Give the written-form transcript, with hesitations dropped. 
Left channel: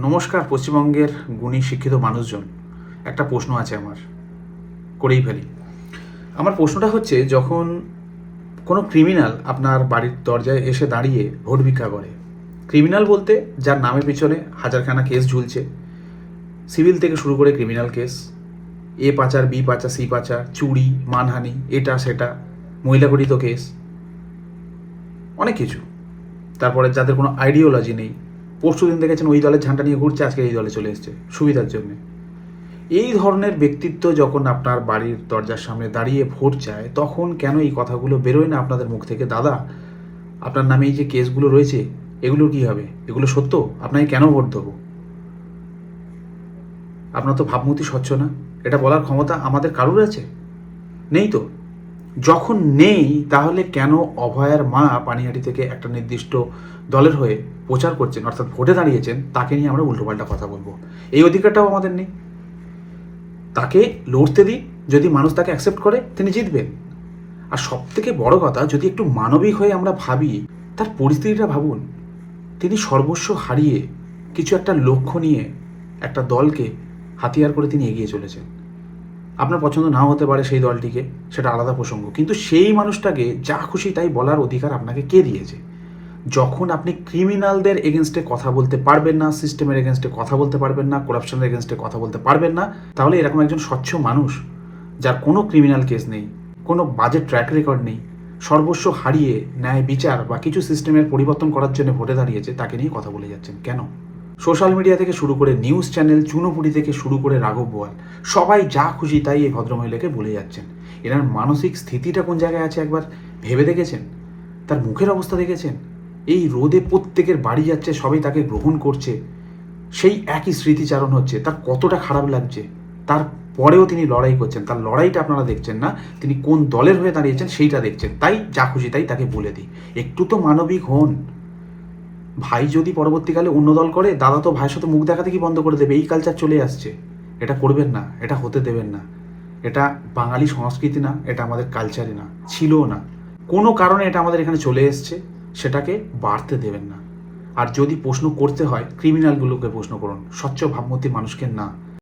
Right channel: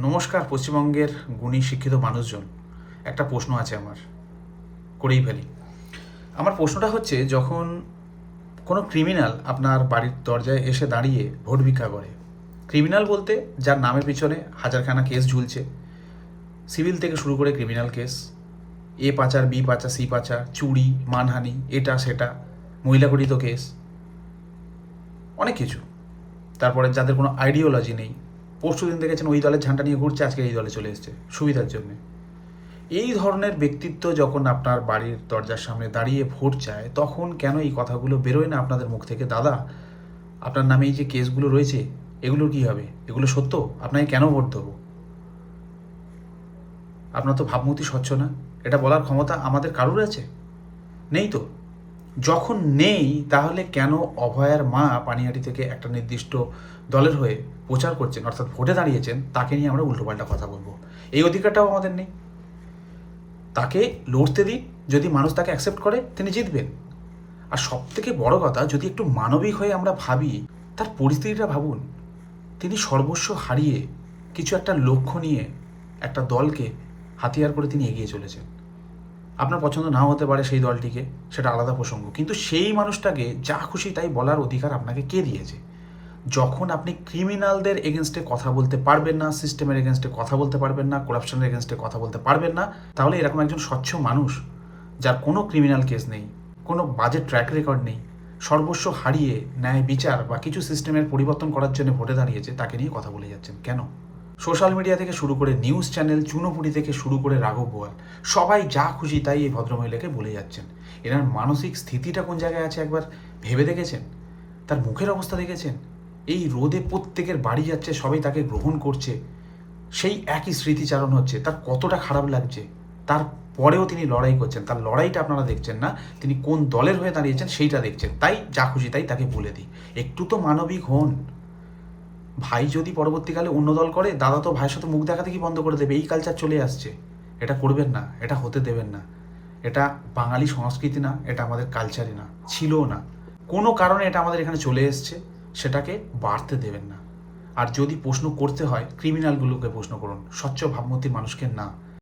নমস্কার পশ্চিমবঙ্গের গুণী শিক্ষিত মানুষজন। একটা প্রশ্ন আছে আমার, করেই ফেলি। আমার প্রশ্নটা হচ্ছে, যখন কোনো ক্রিমিনাল আপনার বাড়ির দরজায় এসে দাঁড়িয়ে ভোট ভিক্ষা করে, ক্রিমিনাল বলতে যার নামের পিছনে হাজারখানা কেস ঝুলছে, সিভিল থেকে শুরু করে ক্রিমিনাল কেস, এ পাচার, বি পাচার, সি পাচার, চুরি, মানহানি, এটা সেটা, মহিলাগঠিত কেস, অনেক কিছু। তারপরে যাদের কোনো আইডিওলজি নেই, পরশু দিন দেখেছেন ওই দলের ঝান্ডা নিয়ে ঘুরছে, আজকে এই দলে চলে এসছে সুবিধার জন্য। এই ধরনের ব্যক্তিত্ব যখন আপনার বাড়ির দরজার সামনে দাঁড়িয়ে ভোট চায়, তখন কেন এই কথাগুলো বেরোয় না আপনাদের মুখ থেকে? দাদা, আপনার নামে এই যে কেসগুলো রয়েছে, এগুলো কি হবে? এগুলো সত্য? আপনাকে কেন ভোট দেবো? আপনার তো ভাবমূর্তি স্বচ্ছ না। এটা বলার ক্ষমতা আমাদের কারুর আছে? নেই তো। যখন নেই, তাহলে কেন অভয়ার মা পানিহাটি থেকে একটা নির্দিষ্ট দলের হয়ে প্রচার করছেন, অর্থাৎ ভোটে দাঁড়িয়েছেন, তাকে নিয়ে আমরা উল্টোপাল্টা কথা বলবো? এই অধিকারটাও আমাদের নেই। তাকে লড়তে দিই, যদি মানুষ তাকে অ্যাকসেপ্ট করে তিনি জিতবেন। আর সব থেকে বড় কথা, যদি একটু মানবিক হয়ে আমরা ভাবি, তার পরিস্থিতিটা ভাবুন। তিনি সর্বস্ব হারিয়ে কিছু একটা লক্ষ্য নিয়ে একটা দলকে হাতিয়ার করে তিনি এগিয়ে চলেছেন। আপনার পছন্দ নাও হতে পারে সেই দলটিকে, সেটা আলাদা প্রসঙ্গ, কিন্তু সেই মানুষটাকে যা খুশি তাই বলার অধিকার আপনাকে কে দিয়েছে? যখন আপনি ক্রিমিনালদের এগেনস্টে কথা বলতে পারবেন না, সিস্টেমের এগেনস্টে কথা বলতে পারবেন না, করাপশনের এগেনস্টে কথা বলতে পারবেন না, তাহলে এরকম একজন স্বচ্ছ মানুষ, যার কোনো ক্রিমিনাল কেস নেই, কোনো বাজে ট্র্যাক রেকর্ড নেই, সর্বস্ব হারিয়ে ন্যায় বিচার বা কিছু সিস্টেমের পরিবর্তন করার জন্য ভোটে দাঁড়িয়েছে, তাকে নিয়ে কথা বলে যাচ্ছেন কেন? সোশ্যাল মিডিয়া থেকে শুরু করে নিউজ চ্যানেল, চুনোপুটি থেকে শুরু করে রাঘব বোয়াল, সবাই যা খুশি তাই এই ভদ্রমহিলাকে বলে যাচ্ছেন। এনার মানসিক স্থিতিটা কোন জায়গায় আছে একবার ভেবে দেখেছেন? তার মুখের অবস্থা দেখেছেন? এই রোদে প্রত্যেকের বাড়ি যাচ্ছে, সবাই তাকে গ্রহণ করছে, সেই একই স্মৃতিচারণ হচ্ছে, তার কতটা খারাপ লাগছে। তারপরেও তিনি লড়াই করছেন। তার লড়াইটা আপনারা দেখছেন না, তিনি কোন দলের হয়ে দাঁড়িয়েছেন সেইটা দেখছেন। তাই যা খুশি তাই তাকে বলে দিই। একটু তো মানবিক হন। ভাই যদি পরবর্তীকালে অন্য দল করে, দাদা তো ভাইয়ের সাথে মুখ দেখাতে কি বন্ধ করে দেবে? এই কালচার চলে আসছে। এটা করবেন না, এটা হতে দেবেন না। এটা বাঙালি সংস্কৃতি না, এটা আমাদের কালচারে না, ছিলও না। কোনো কারণে এটা আমাদের এখানে চলে এসছে, সেটাকে বাড়তে দেবেন না। আর যদি প্রশ্ন করতে হয়, ক্রিমিনালগুলোকে প্রশ্ন করুন, স্বচ্ছ ভাবমূর্তি মানুষকে না।